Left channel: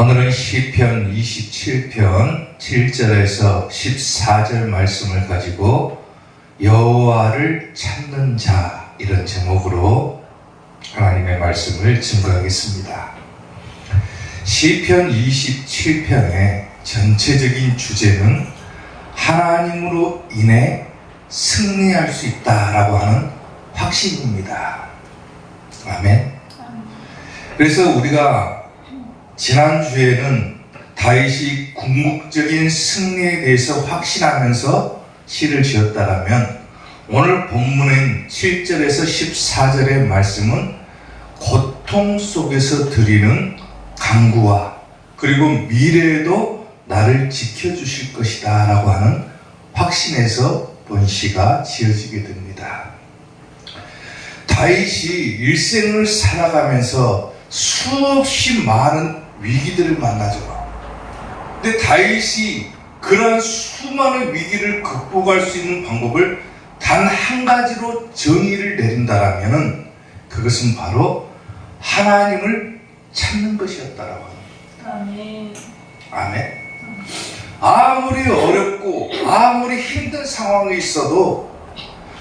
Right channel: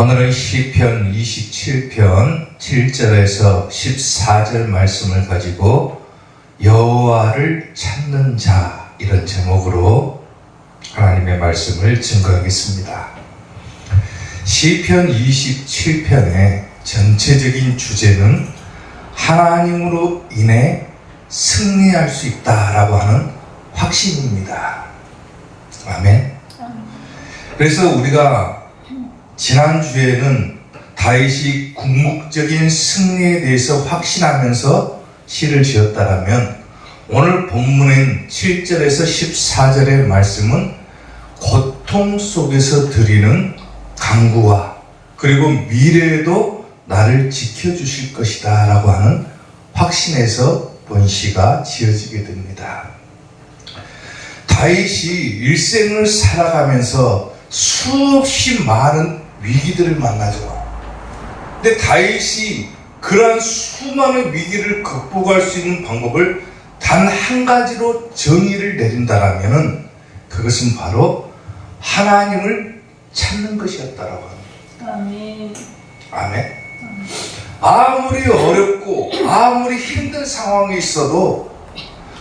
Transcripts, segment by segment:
오늘은 시편 27편 7절에서 14절 말씀을 가지고 여호와를 찾는 자, 이런 제목으로 하나님의 말씀을 증거하겠습니다. 시편 27편의 전체적인 주제는 하나님으로 인해 승리할 수 있다라고 하는 확신입니다. 아멘. 그래서 우리가 지난주에는 다윗이 궁극적인 승리에 대해서 확신하면서 시를 지었다라면, 오늘 본문인 7절에서 14절의 말씀은 고통 속에서 드리는 간구와 그리고 미래에도 나를 지켜주실 것이다 라고 하는 확신에서 본 시가 지어지게 됩니다. 다윗이 일생을 살아가면서 수없이 많은 위기들을 만나죠. 근데 다윗이 그러한 수많은 위기를 극복할 수 있는 방법을 단 한 가지로 정의를 내린다라면 그것은 바로 하나님을 찾는 것이었다라고 합니다. 아멘. 아멘. 아무리 어렵고 아무리 힘든 상황이 있어도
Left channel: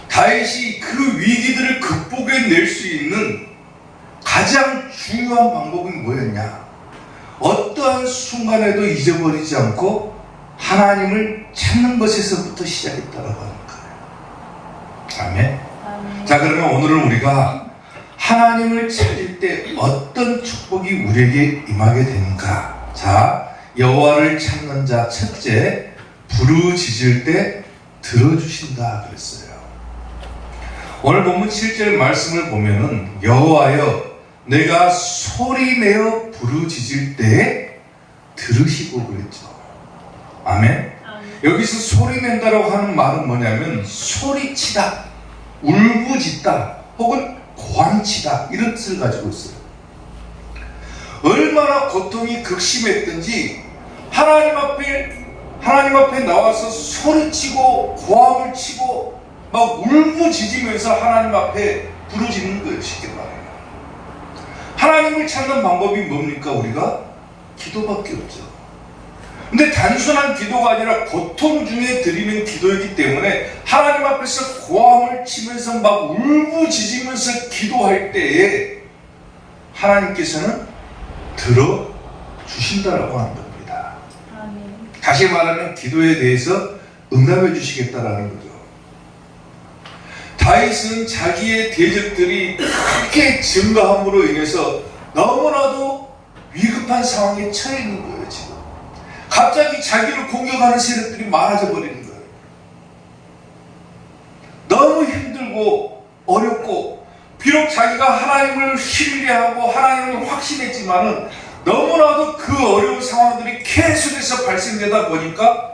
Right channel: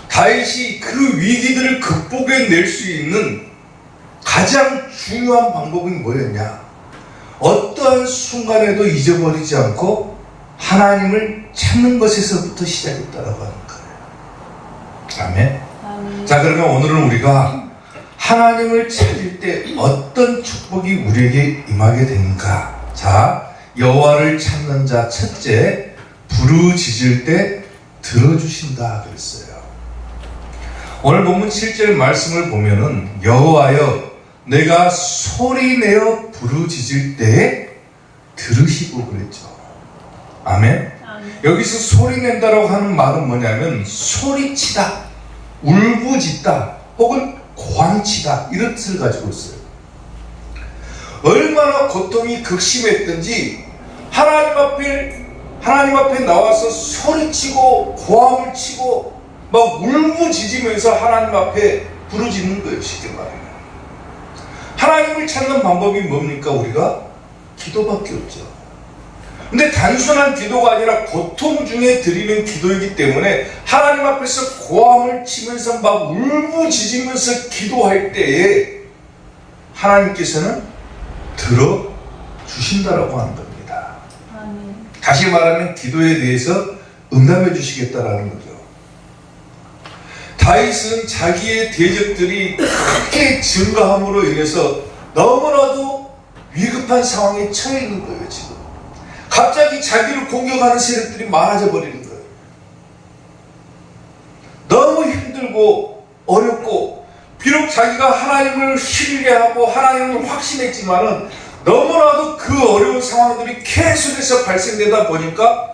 다윗이 그 위기들을 극복해낼 수 있는 가장 중요한 방법이 뭐였냐? 어떠한 순간에도 잊어버리지 않고 하나님을 찾는 것에서부터 시작했다라고 하는 거예요. 아멘. 아멘. 자, 그러면 오늘은 우리가 하나님을 찾을 때 어떤 축복이 우리에게 임하게 되는가? 자, 여호와를 찾는 자 첫째, 부르짖을 때 들어주신다 그랬어요. 오늘 본문 7절 말씀을 보면은 여호와여 내가 소리내어 부르짖을 때에 들으시고 그랬죠. 아멘. 여기서 소리낸다라고 하는 말은 뭐냐면 소리치다, 울부짖다, 혹은 고함치다, 이런 뜻을 가지고 있어요. 얼마나 고통이 극심했든지 하나님 앞에 나와서 소리치고 고함을 치고 막 울부짖으면서 하나님 앞에 부르짖는 거예요. 쉽게 말해요. 하나님을 찾는 방법이 뭡니까? 우리가 기도밖에 없죠. 근데 단순한 기도가 아니라 고통 중에 드리는 기도이기 때문에 하나님 앞에서 고함을 치면서 막 울부짖으면서 기도할 때에 하나님께서는 들어주신다라고 하는 겁니다. 다시 말하면 기도에 대해서 응답해 주시겠다라는 거죠. 다윗은 자기의 대적들이 크게 증가함으로 인해서 너무나도 위급한 상황에 처해 있는 거예요. 지금 갑자기 자기를 공격하는 세력들이 많아져 버리는 거예요. 너무 힘들고 어렵고, 비록 자기가 하나님을 신뢰하고 하나님을 확신했지만은 너무나도 그 어려운 상황들이 계속해서 발생되다 보니까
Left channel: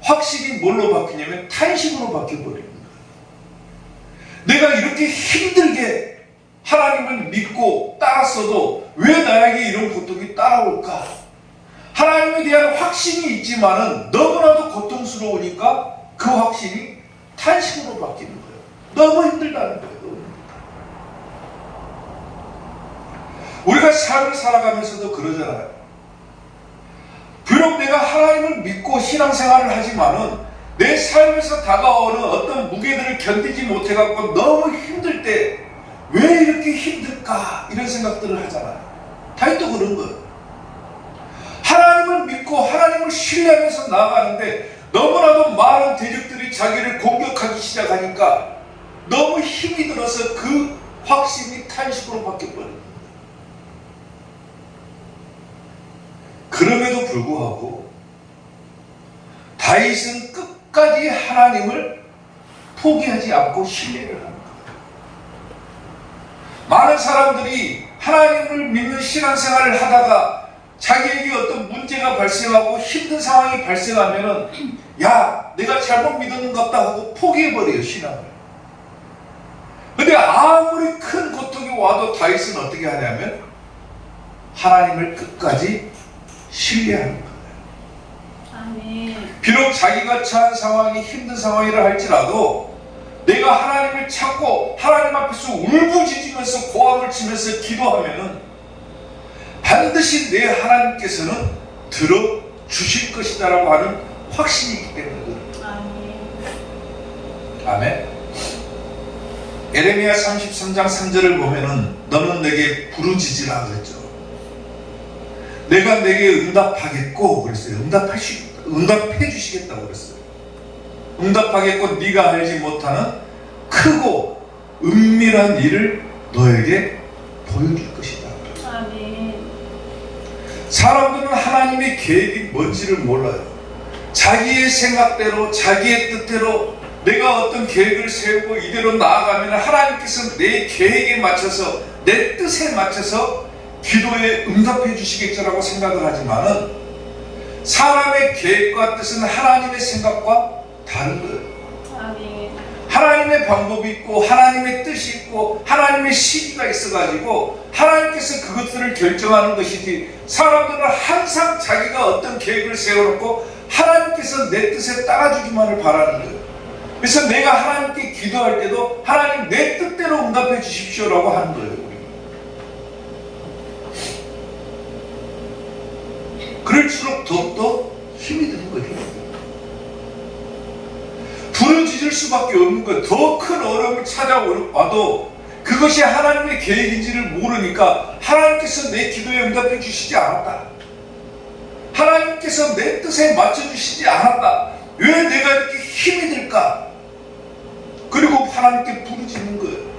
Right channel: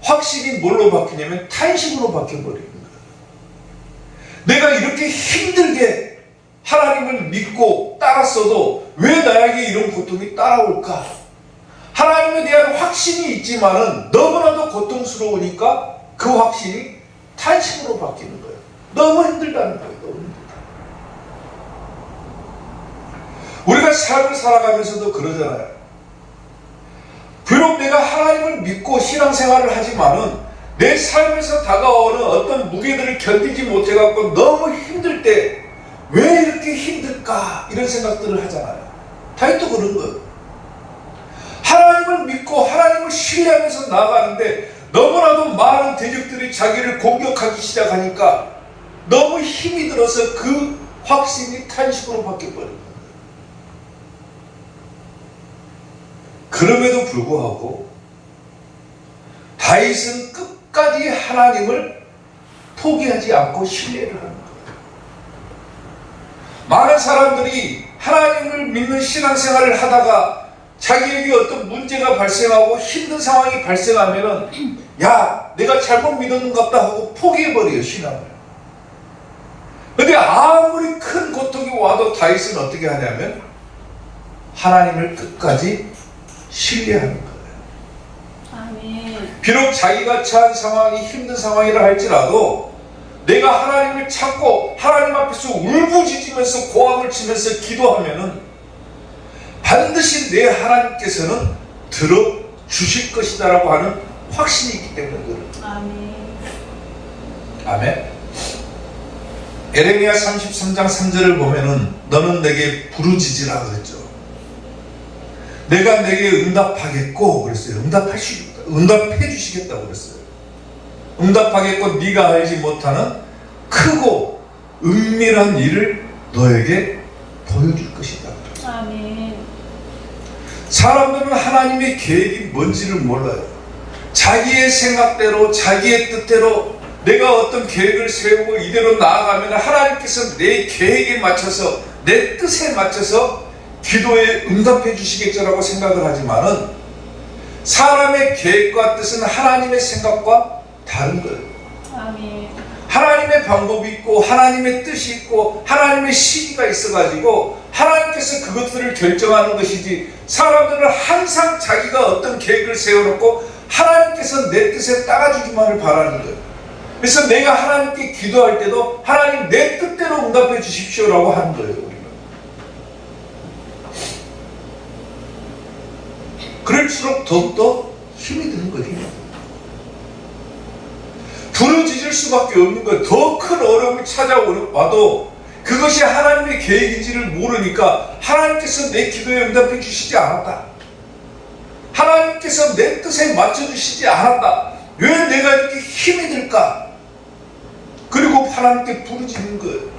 확신이 뭘로 바뀌냐면 탄식으로 바뀌어버리는 거예요. 내가 이렇게 힘들게 하나님을 믿고 따랐어도 왜 나에게 이런 고통이 따라올까? 하나님에 대한 확신이 있지만은 너무나도 고통스러우니까 그 확신이 탄식으로 바뀌는 거예요. 너무 힘들다는 거예요. 너무 힘들다. 우리가 삶을 살아가면서도 그러잖아요. 비록 내가 하나님을 믿고 신앙생활을 하지만은 내 삶에서 다가오는 어떤 무게들을 견디지 못해갖고 너무 힘들 때 왜 이렇게 힘들까? 이런 생각들을 하잖아요. 다윗도 그런 거예요. 하나님을 믿고 하나님을 신뢰하면서 나아가는데 너무나도 많은 대적들이 자기를 공격하기 시작하니까 너무 힘이 들어서 그 확신이 탄식으로 바뀌어버린 거예요. 그럼에도 불구하고 다윗은 끝까지 하나님을 포기하지 않고 신뢰를 하는 거예요. 많은 사람들이 하나님을 믿는 신앙생활을 하다가 자기에게 어떤 문제가 발생하고 힘든 상황이 발생하면은 야, 내가 잘못 믿었는갑다 하고 포기해버려요, 신앙을. 근데 아무리 큰 고통이 와도 다윗은 어떻게 하냐면 하나님을 끝까지 신뢰하는 거예요. 아멘. 비록 자기가 처한 상황이 힘든 상황이라 할지라도 내가 하나님을 찾고 하나님 앞에서 울부짖으면서 고함을 치면서 기도하면은 반드시 내 하나님께서는 들어주실 것이다라고 하는 확신이 있기 때문에 그렇습니다. 아멘. 아멘. 에레미야 33장 3절을 보면은 너는 내게 부르짖으라 그랬죠. 내가 내게 응답하겠고 그랬어요. 응답해 주시겠다고 그랬어요. 응답하겠고 네가 알지 못하는 크고 은밀한 일을 너에게 보여줄 것이다. 아멘. 사람들은 하나님의 계획이 뭔지를 몰라요. 자기의 생각대로 자기의 뜻대로 내가 어떤 계획을 세우고 이대로 나아가면 하나님께서 내 계획에 맞춰서 내 뜻에 맞춰서 기도에 응답해 주시겠죠라고 생각을 하지만은 사람의 계획과 뜻은 하나님의 생각과 다른 거예요. 아멘. 하나님의 방법이 있고 하나님의 뜻이 있고 하나님의 시기가 있어가지고 하나님께서 그것들을 결정하는 것이지 사람들은 항상 자기가 어떤 계획을 세워놓고 하나님께서 내 뜻에 따라주기만을 바라는 거예요. 그래서 내가 하나님께 기도할 때도 하나님 내 뜻대로 응답해 주십시오라고 하는 거예요. 우리는. 그럴수록 더욱더 힘이 드는 거예요. 힘이. 부러지질 수밖에 없는 거예요. 더 큰 어려움이 찾아와도 그것이 하나님의 계획인지를 모르니까 하나님께서 내 기도에 응답해 주시지 않았다. 하나님께서 내 뜻에 맞춰주시지 않았다. 왜 내가 이렇게 힘이 들까? 그리고 하나님께 부르짖는 거예요.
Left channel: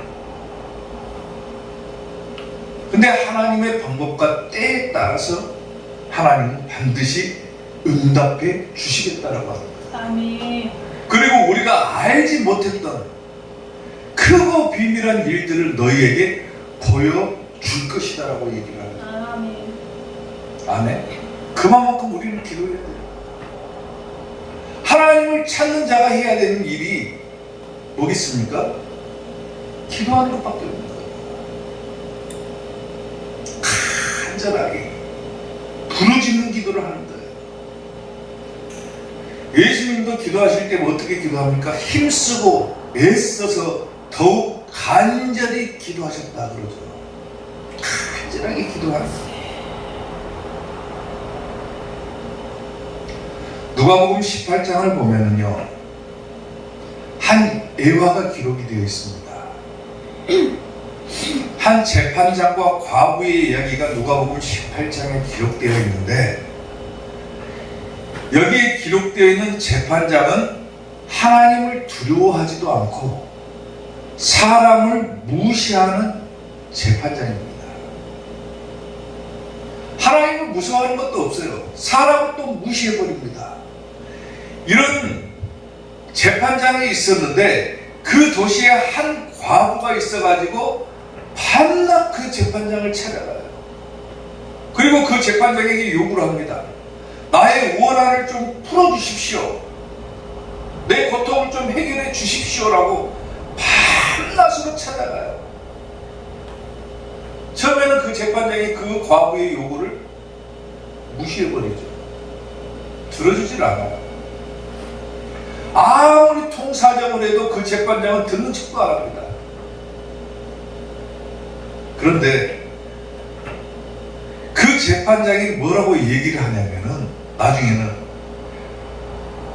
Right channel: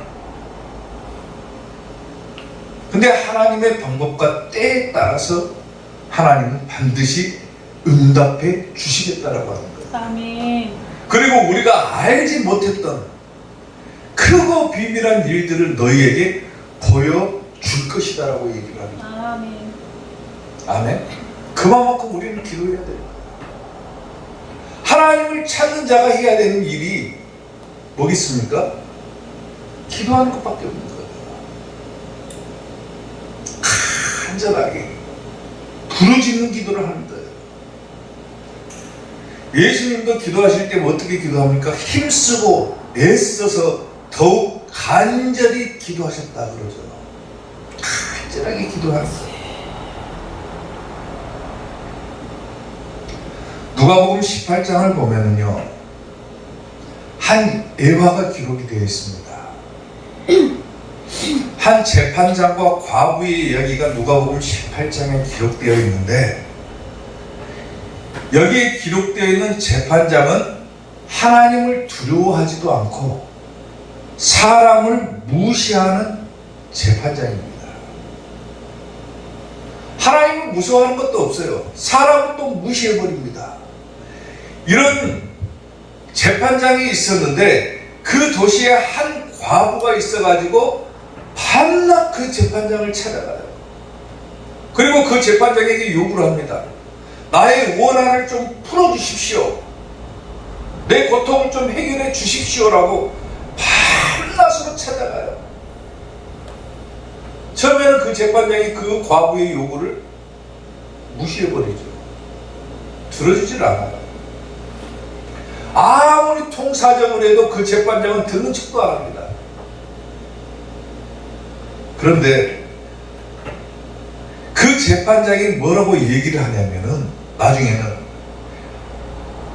근데 하나님의 방법과 때에 따라서 하나님은 반드시 응답해 주시겠다라고 하는 거예요. 아멘. 그리고 우리가 알지 못했던 크고 비밀한 일들을 너희에게 보여줄 것이다라고 얘기를 합니다. 아멘. 아멘. 그만큼 우리는 기도해야 돼요. 하나님을 찾는 자가 해야 되는 일이 뭐겠습니까? 기도하는 것밖에 없는 거예요. 간절하게 부르짖는 기도를 하는 거예요. 예수님도 기도하실 때 어떻게 기도합니까? 힘쓰고 애써서 더욱 간절히 기도하셨다 그러죠. 간절하게 기도하는 거예요. 누가복음 18장을 보면은요, 한 예화가 기록이 되어 있습니다. 한 재판장과 과부의 이야기가 누가복음 18장에 기록되어 있는데, 여기에 기록되어 있는 재판장은 하나님을 두려워하지도 않고 사람을 무시하는 재판장입니다. 하나님을 무서워하는 것도 없어요. 사람은 또 무시해버립니다. 이런 재판장이 있었는데 그 도시에 한 과부가 있어가지고 밤낮 그 재판장을 찾아가요. 그리고 그 재판장에게 요구를 합니다. 나의 원한을 좀 풀어주십시오. 내 고통을 좀 해결해 주십시오라고 밤낮으로 찾아가요. 처음에는 그 재판장이 그 과부의 요구를 무시해버리죠. 들어주질 않아요. 아무리 통사정을 해도 그 재판장은 듣는 척도 안 합니다. 그런데 그 재판장이 뭐라고 얘기를 하냐면은 나중에는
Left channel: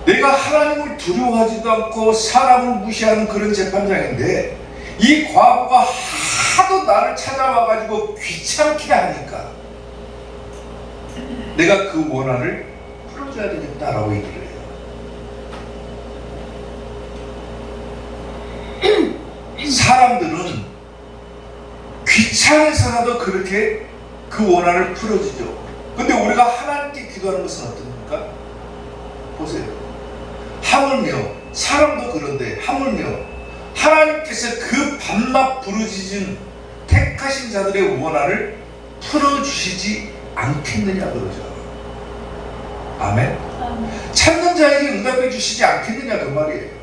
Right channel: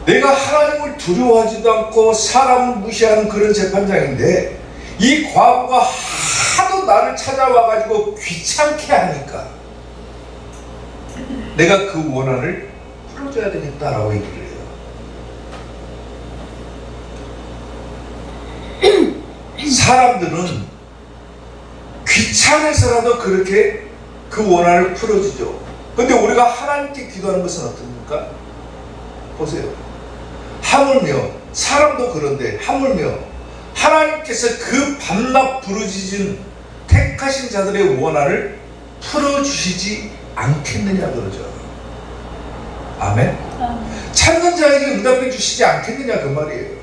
내가 하나님을 두려워하지도 않고 사람을 무시하는 그런 재판장인데 이 과부가 하도 나를 찾아와가지고 귀찮게 하니까 내가 그 원한을 풀어줘야 되겠다라고 얘기를 해요. 사람들은 귀찮아서라도 그렇게 그 원한을 풀어주죠. 근데 우리가 하나님께 기도하는 것은 어떻습니까? 보세요. 하물며 사람도 그런데 하물며 하나님께서 그 밤낮 부르짖은 택하신 자들의 원한을 풀어주시지 않겠느냐 그러죠. 아멘. 찾는 자에게 응답해 주시지 않겠느냐 그 말이에요.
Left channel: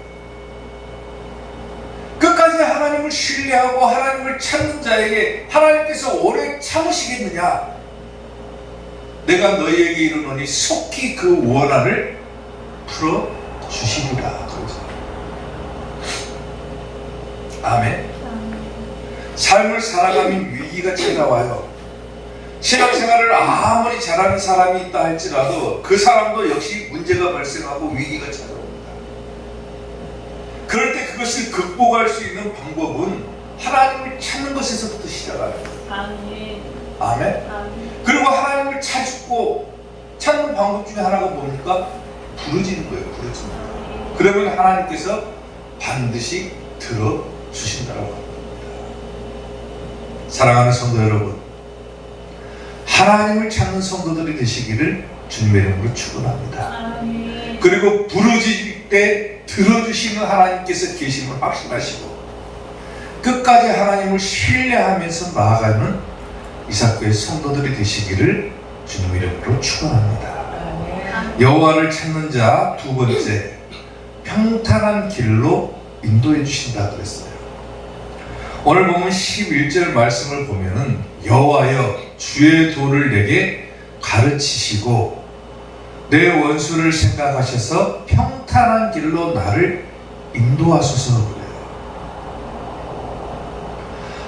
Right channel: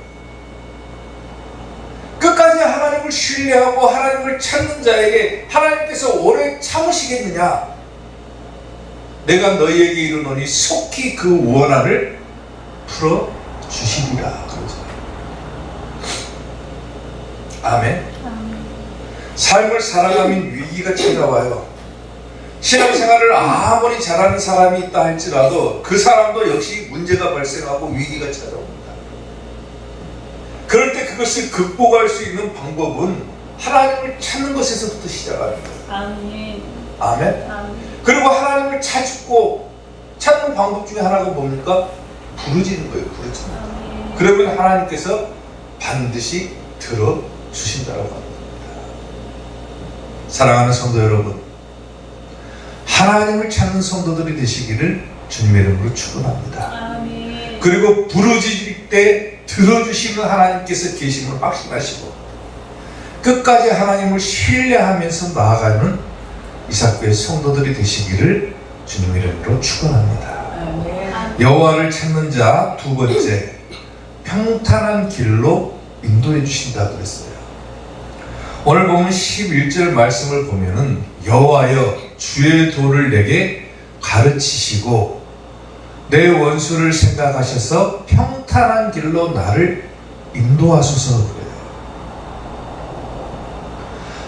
끝까지 하나님을 신뢰하고 하나님을 찾는 자에게 하나님께서 오래 참으시겠느냐? 내가 너희에게 이르노니 속히 그 원한을 풀어주시리라 그러죠. 아멘. 삶을 살아가면 위기가 찾아와요. 신앙생활을 아무리 잘하는 사람이 있다 할지라도 그 사람도 역시 문제가 발생하고 위기가 찾아옵니다. 그럴 때 그것을 극복할 수 있는 방법은 하나님을 찾는 것에서부터 시작합니다. 아멘. 아멘. 아멘. 그리고 하나님을 찾는 방법 중에 하나가 뭡니까? 부르짖는 거예요. 부르짖는 거예요. 그러면 하나님께서 반드시 들어주신다고 합니다. 사랑하는 성도 여러분, 하나님을 찾는 성도들이 되시기를 주님의 이름으로 축원합니다. 아멘. 그리고 부르짖을 때 들어주시는 하나님께서 계심을 확신하시고 끝까지 하나님을 신뢰하면서 나아가는 이사코의 성도들이 되시기를 주님의 이름으로 축원합니다. 아멘. 여호와를 찾는 자 두 번째, 평탄한 길로 인도해 주신다고 했어요. 오늘 보면 11절 말씀을 보면은 여호와여 주의 도를 내게 가르치시고 내 원수를 생각하셔서 평탄한 길로 나를 인도하소서 그래요.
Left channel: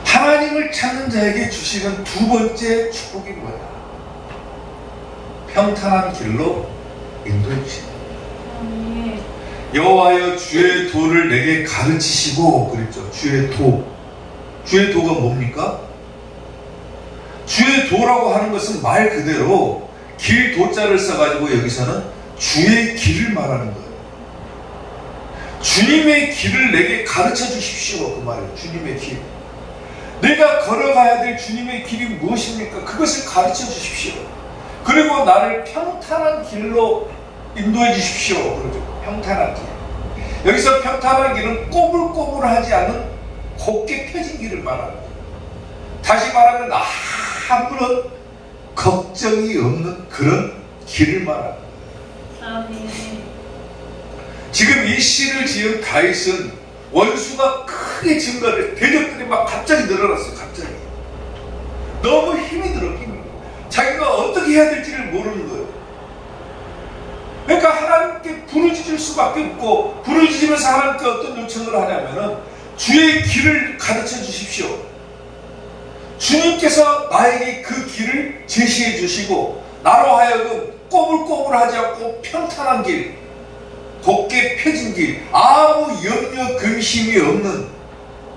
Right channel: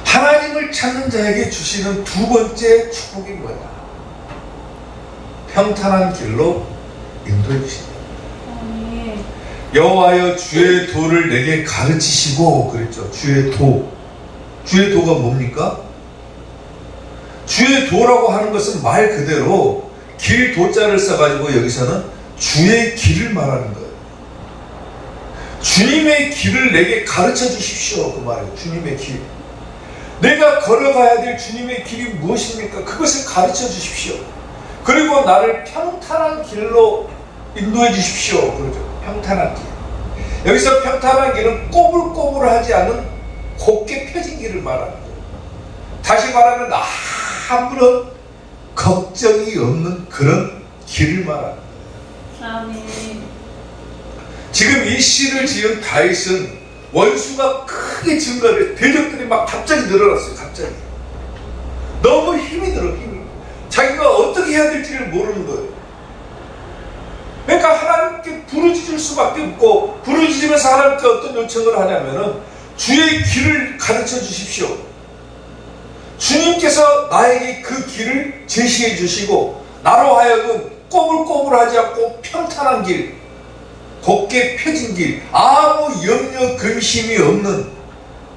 하나님을 찾는 자에게 주시는 두 번째 축복이 뭐예요? 평탄한 길로 인도해 주신다. 아멘. 여호와여 주의 도를 내게 가르치시고 그랬죠. 주의 도. 주의 도가 뭡니까? 주의 도라고 하는 것은 말 그대로 길 도자를 써가지고 여기서는 주의 길을 말하는 거예요. 주님의 길을 내게 가르쳐 주십시오. 그 말이에요. 주님의 길. 내가 걸어가야 될 주님의 길이 무엇입니까? 그것을 가르쳐 주십시오. 그리고 나를 평탄한 길로 인도해 주십시오. 그러죠. 평탄한 길. 여기서 평탄한 길은 꼬불꼬불하지 않은 곱게 펴진 길을 말하는 거예요. 다시 말하면 아무런 걱정이 없는 그런 길을 말하는 거예요. 아멘. 지금 이 시를 지은 다윗은 원수가 크게 증가해 대적들이 막 갑자기 늘어났어요. 갑자기 너무 힘이 들어. 힘이 자기가 어떻게 해야 될지를 모르는 거예요. 그러니까 하나님께 부르짖을 수밖에 없고 부르짖으면서 하나님께 어떤 요청을 하냐면은 주의 길을 가르쳐 주십시오. 주님께서 나에게 그 길을 제시해 주시고 나로 하여금 꼬불꼬불하지 않고 평탄한 길, 곱게 펴진 길, 아무 염려 근심이 없는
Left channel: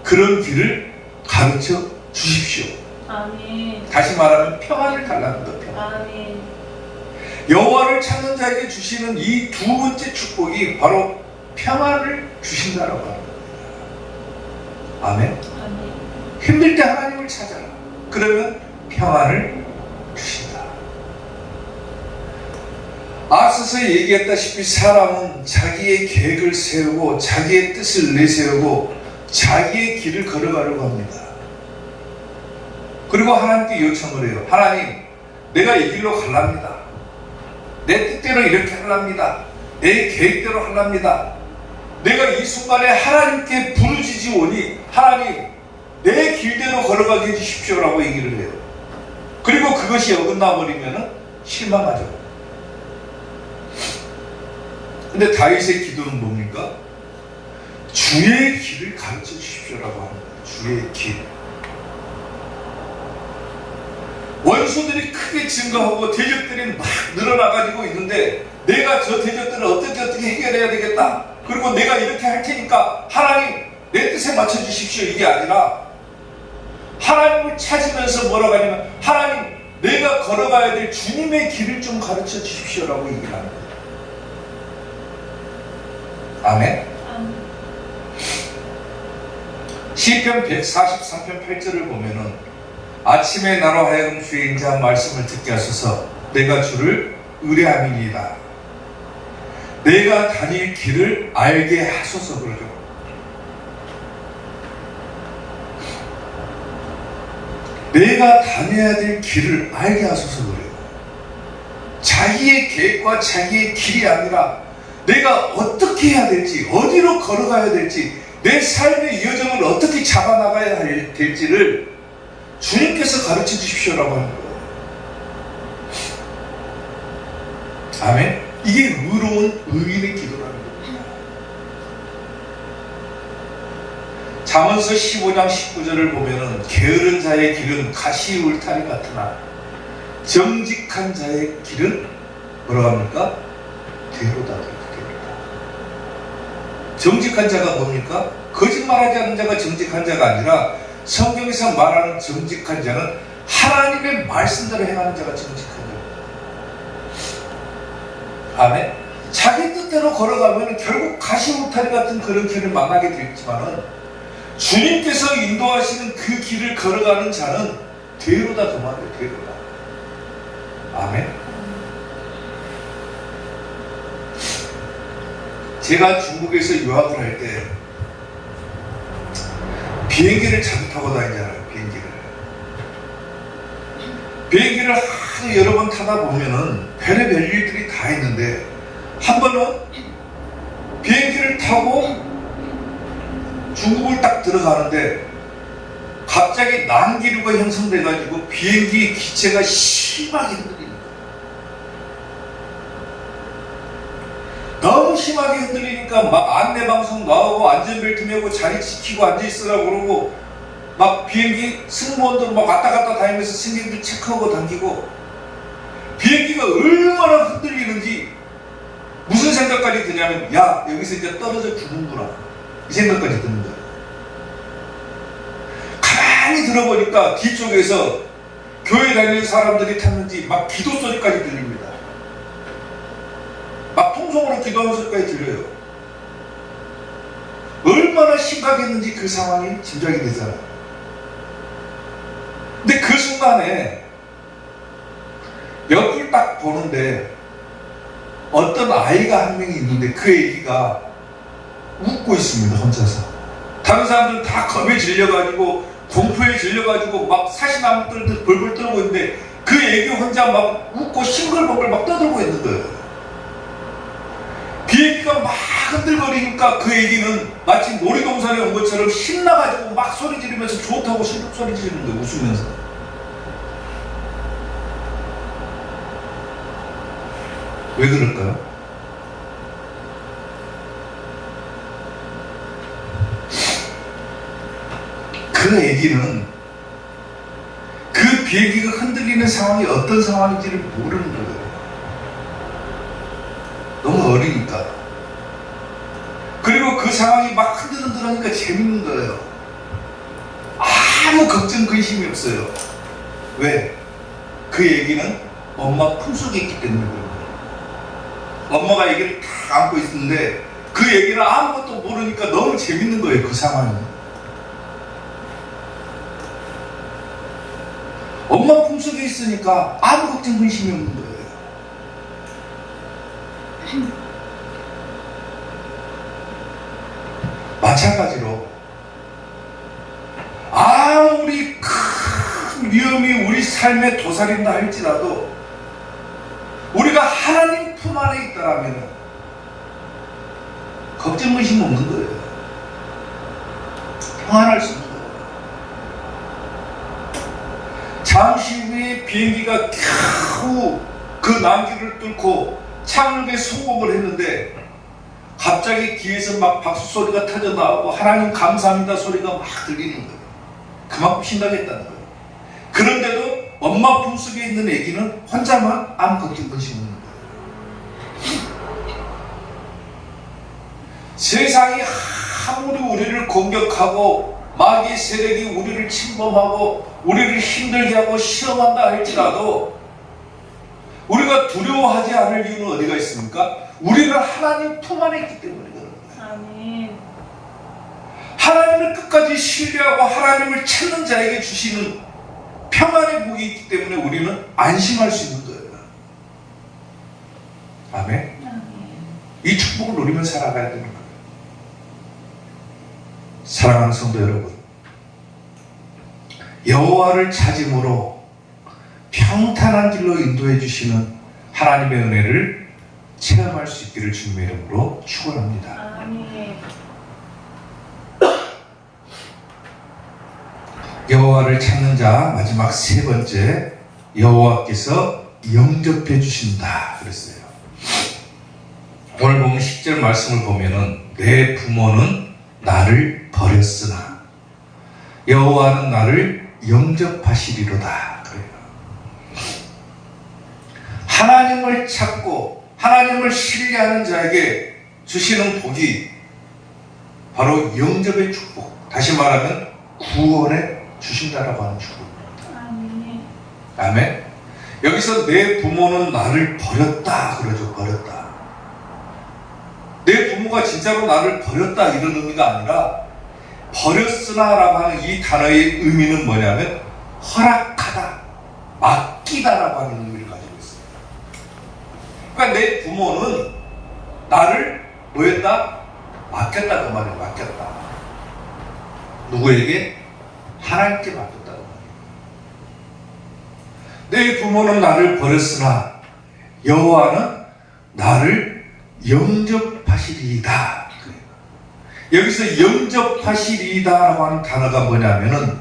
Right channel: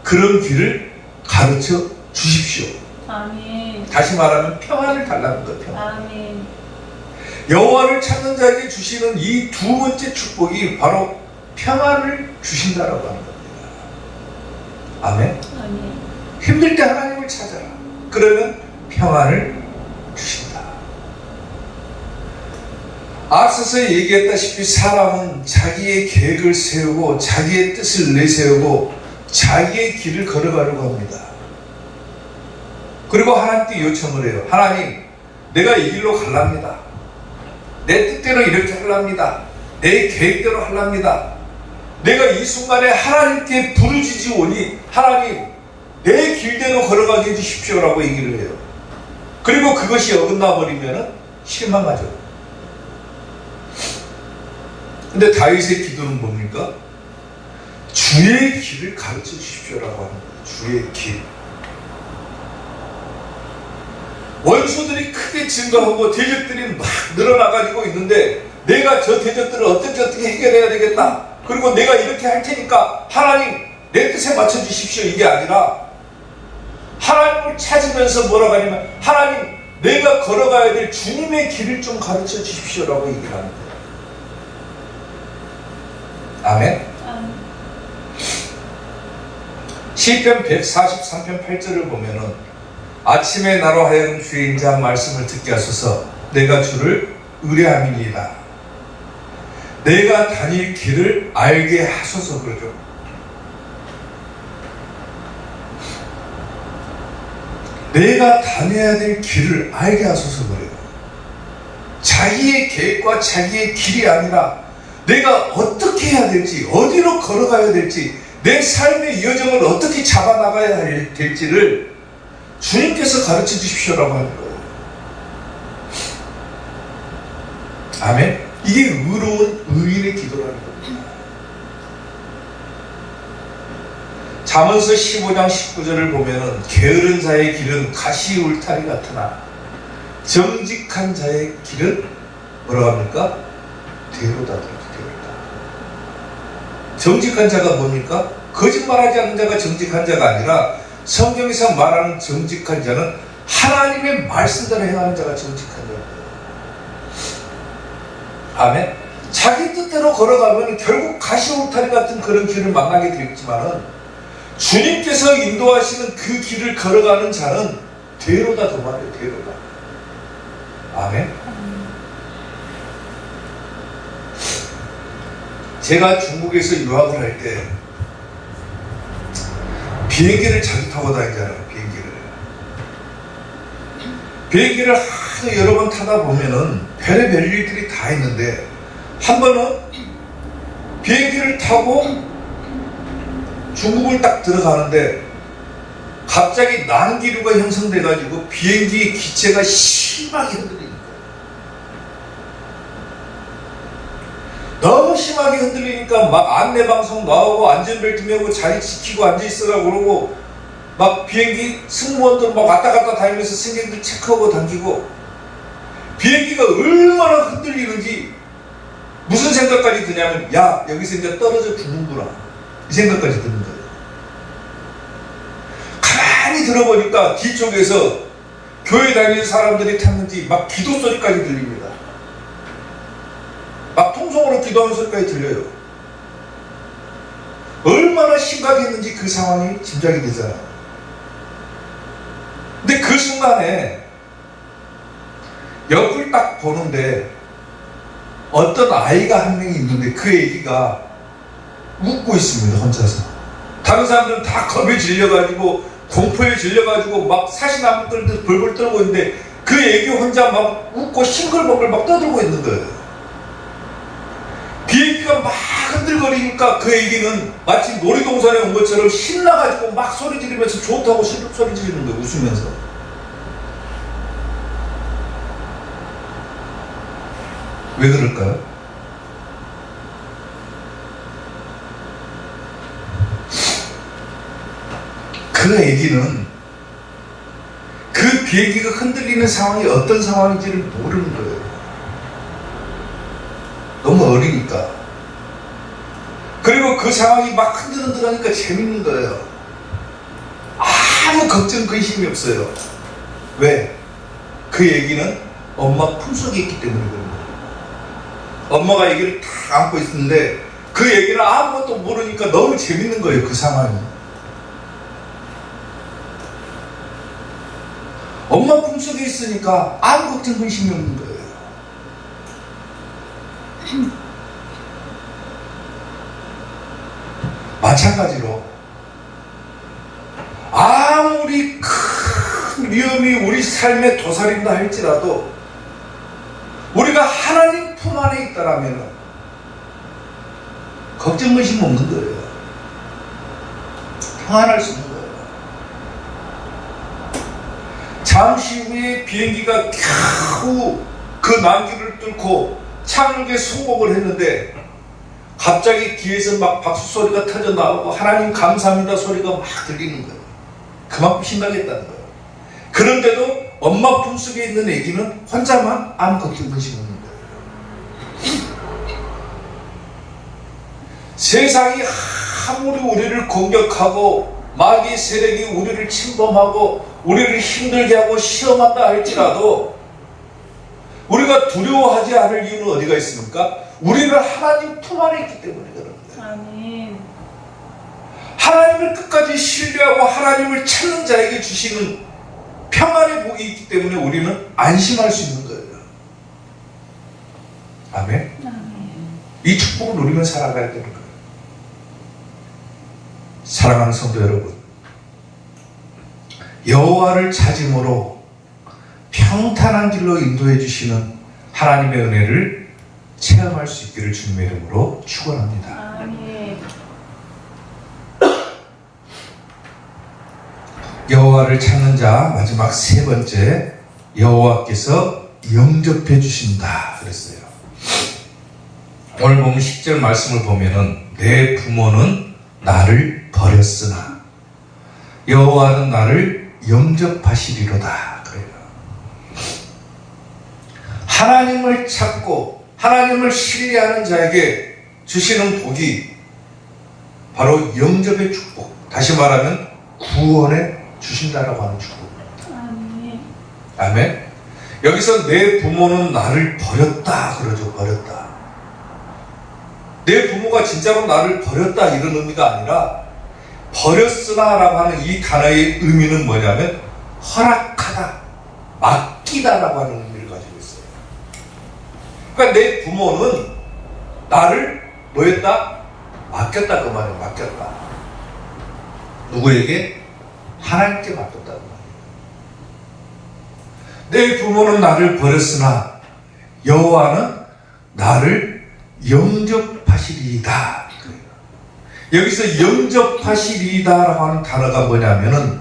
그런 길을 가르쳐 주십시오. 아멘. 다시 말하면 평안을 달라는 거예요. 평안. 아멘. 여호와를 찾는 자에게 주시는 이 두 번째 축복이 바로 평안을 주신다라고 하는 겁니다. 아멘. 아멘. 힘들 때 하나님을 찾아라. 그러면 평안을 주신다. 앞서서 얘기했다시피 사람은 자기의 계획을 세우고 자기의 뜻을 내세우고 자기의 길을 걸어가려고 합니다. 그리고 하나님께 요청을 해요. 하나님, 내가 이 길로 가랍니다. 내 뜻대로 이렇게 하랍니다. 내 계획대로 하랍니다. 내가 이 순간에 하나님께 부르짖으오니 하나님, 내 길대로 걸어가게 해주십시오라고 얘기를 해요. 그리고 그것이 어긋나 버리면 실망하죠. 근데 다윗의 기도는 뭡니까? 주의 길을 가르쳐 주십시오라고 하는 거예요. 주의 길. 원수들이 크게 증가하고 대적들이 막 늘어나가지고 있는데 내가 저 대적들을 어떻게 해결해야 되겠다. 그리고 내가 이렇게 할 테니까 하나님 내 뜻에 맞춰 주십시오. 이게 아니라 하나님을 찾으면서 뭐라고 하냐면 하나님 내가 걸어가야 될 주님의 길을 좀 가르쳐 주십시오라고 얘기를 합니다. 아멘. 아멘. 시편 143편 8절을 보면은 아침에 나로 하여금 주의 인자한 말씀을 듣게 하소서. 내가 주를 의뢰함이니라. 내가 다닐 길을 알게 하소서. 그러죠. 내가 다녀야 될 길을 알게 하소서 그래요. 자기의 계획과 자기의 길이 아니라 내가 어떻게 해야 될지, 어디로 걸어가야 될지, 내 삶의 여정을 어떻게 잡아나가야 될지를 주님께서 가르쳐 주십시오라고 하는 거예요. 아멘. 이게 의로운 의인의 기도라는 겁니다. 잠언서 15장 19절을 보면은 게으른 자의 길은 가시 울타리 같으나 정직한 자의 길은 뭐라 합니까? 대로다. 정직한 자가 뭡니까? 거짓말하지 않는 자가 정직한 자가 아니라 성경에서 말하는 정직한 자는 하나님의 말씀대로 행하는 자가 정직한 자. 아멘. 자기 뜻대로 걸어가면 결국 가시울타리 같은 그런 길을 만나게 되겠지만은 주님께서 인도하시는 그 길을 걸어가는 자는 대로다 그 말이에요. 대로다. 아멘. 제가 중국에서 유학을 할 때 비행기를 자주 타고 다니잖아요. 비행기를 하도 여러 번 타다 보면은 별의별 일들이 다 있는데 한 번은 비행기를 타고 중국을 딱 들어가는데 갑자기 난기류가 형성돼가지고 비행기 기체가 심하게 흔들립니다. 너무 심하게 흔들리니까 막 안내방송 나오고 안전벨트 매고 자리 지키고 앉아있으라고 그러고 막 비행기 승무원들 막 왔다 갔다 다니면서 승객들 체크하고 당기고 비행기가 얼마나 흔들리는지 무슨 생각까지 드냐면 야 여기서 이제 떨어져 죽는구나 이 생각까지 드는 거예요. 가만히 들어보니까 뒤쪽에서 교회 다니는 사람들이 탔는지 막 기도 소리까지 들립니다. 막 통성으로 기도하는 소리까지 들려요. 얼마나 심각했는지 그 상황이 짐작이 되잖아요. 근데 그 순간에 옆을 딱 보는데 어떤 아이가 한 명이 있는데 그 애기가 웃고 있습니다. 혼자서. 다른 사람들은 다 겁에 질려가지고 공포에 질려가지고 막 사시나무들 벌벌 떨고 있는데 그 애기 혼자 막 웃고 싱글벙글 막 떠들고 있는 거예요. 비행기가 막 흔들거리니까 그 애기는 마치 놀이동산에 온 것처럼 신나가지고 막 소리 지르면서 좋다고 소리 지르는 거예요. 웃으면서. 왜 그럴까요? 그 애기는 그 비행기가 흔들리는 상황이 어떤 상황인지를 모르는 거예요. 너무 어리니까. 그리고 그 상황이 막 흔들흔들하니까 재밌는 거예요. 아무 걱정 근심이 없어요. 왜? 그 얘기는 엄마 품속에 있기 때문에 그런 거예요. 엄마가 얘기를 다 안고 있는데 그 얘기는 아무것도 모르니까 너무 재밌는 거예요. 그 상황이. 엄마 품속에 있으니까 아무 걱정 근심이 없는 거예요. 마찬가지로 아무리 큰 위험이 우리 삶에 도사린다 할지라도 우리가 하나님 품 안에 있다라면 걱정 근심 없는 거예요. 평안할 수 있는 거예요. 잠시 후에 비행기가 겨우 그 난기를 뚫고 착륙에 성공을 했는데 갑자기 뒤에서 막 박수 소리가 터져 나오고 하나님 감사합니다 소리가 막 들리는 거예요. 그만큼 신나겠다는 거예요. 그런데도 엄마 품속에 있는 애기는 혼자만 아무 걱정 근심 없는 거예요. 세상이 아무리 우리를 공격하고 마귀의 세력이 우리를 침범하고 우리를 힘들게 하고 시험한다 할지라도 우리가 두려워하지 않을 이유는 어디가 있습니까? 우리는 하나님 품 안에 있기 때문에 그런 거예요. 아멘. 하나님을 끝까지 신뢰하고 하나님을 찾는 자에게 주시는 평안의 복이 있기 때문에 우리는 안심할 수 있는 거예요. 아멘. 이 축복을 누리며 살아가야 되는 거예요. 사랑하는 성도 여러분, 여호와를 찾음으로 평탄한 길로 인도해 주시는 하나님의 은혜를 체험할 수 있기를 주님의 이름으로 축원합니다. 아멘. 여호와를 찾는 자 마지막 세 번째, 여호와께서 영접해 주신다 그랬어요. 오늘 보면 10절 말씀을 보면은 내 부모는 나를 버렸으나 여호와는 나를 영접하시리로다 그래요. 하나님을 찾고 하나님을 신뢰하는 자에게 주시는 복이 바로 영접의 축복, 다시 말하면 구원에 주신다라고 하는 축복입니다. 아멘. 아멘. 여기서 내 부모는 나를 버렸다 그러죠. 버렸다. 내 부모가 진짜로 나를 버렸다 이런 의미가 아니라 버렸으나 라고 하는 이 단어의 의미는 뭐냐면 허락하다, 맡기다라고 하는 의미를 가지고 있어요. 그러니까 내 부모는 나를 뭐했다? 맡겼다 그 말이에요. 맡겼다. 누구에게? 하나님께 맡겼다 그 말이에요. 내 부모는 나를 버렸으나 여호와는 나를 영접하시리이다. 여기서 영접하시리이다라고 하는 단어가 뭐냐면은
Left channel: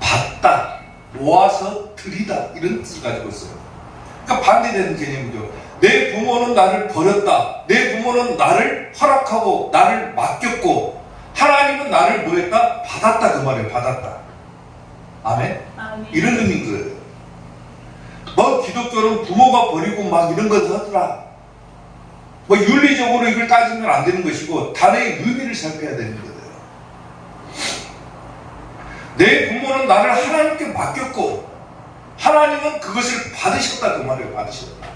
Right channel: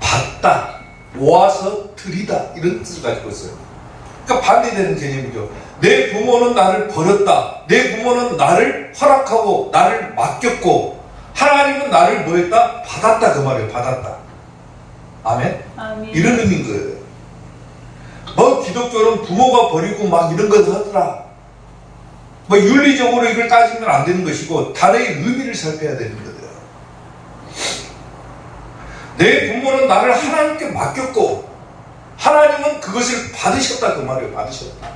받다, 모아서 드리다 이런 뜻을 가지고 있어요. 그러니까 반대되는 개념이죠. 내 부모는 나를 버렸다. 내 부모는 나를 허락하고 나를 맡겼고 하나님은 나를 뭐했다? 받았다 그 말이에요. 받았다. 아멘? 아멘. 이런 의미인 거예요. 뭐 기독교는 부모가 버리고 막 이런 것을 하더라. 뭐 윤리적으로 이걸 따지면 안 되는 것이고 단어의 의미를 살펴야 되는 거예요. 내 부모는 나를 하나님께 맡겼고 하나님은 그것을 받으셨다 그 말이에요. 받으셨다.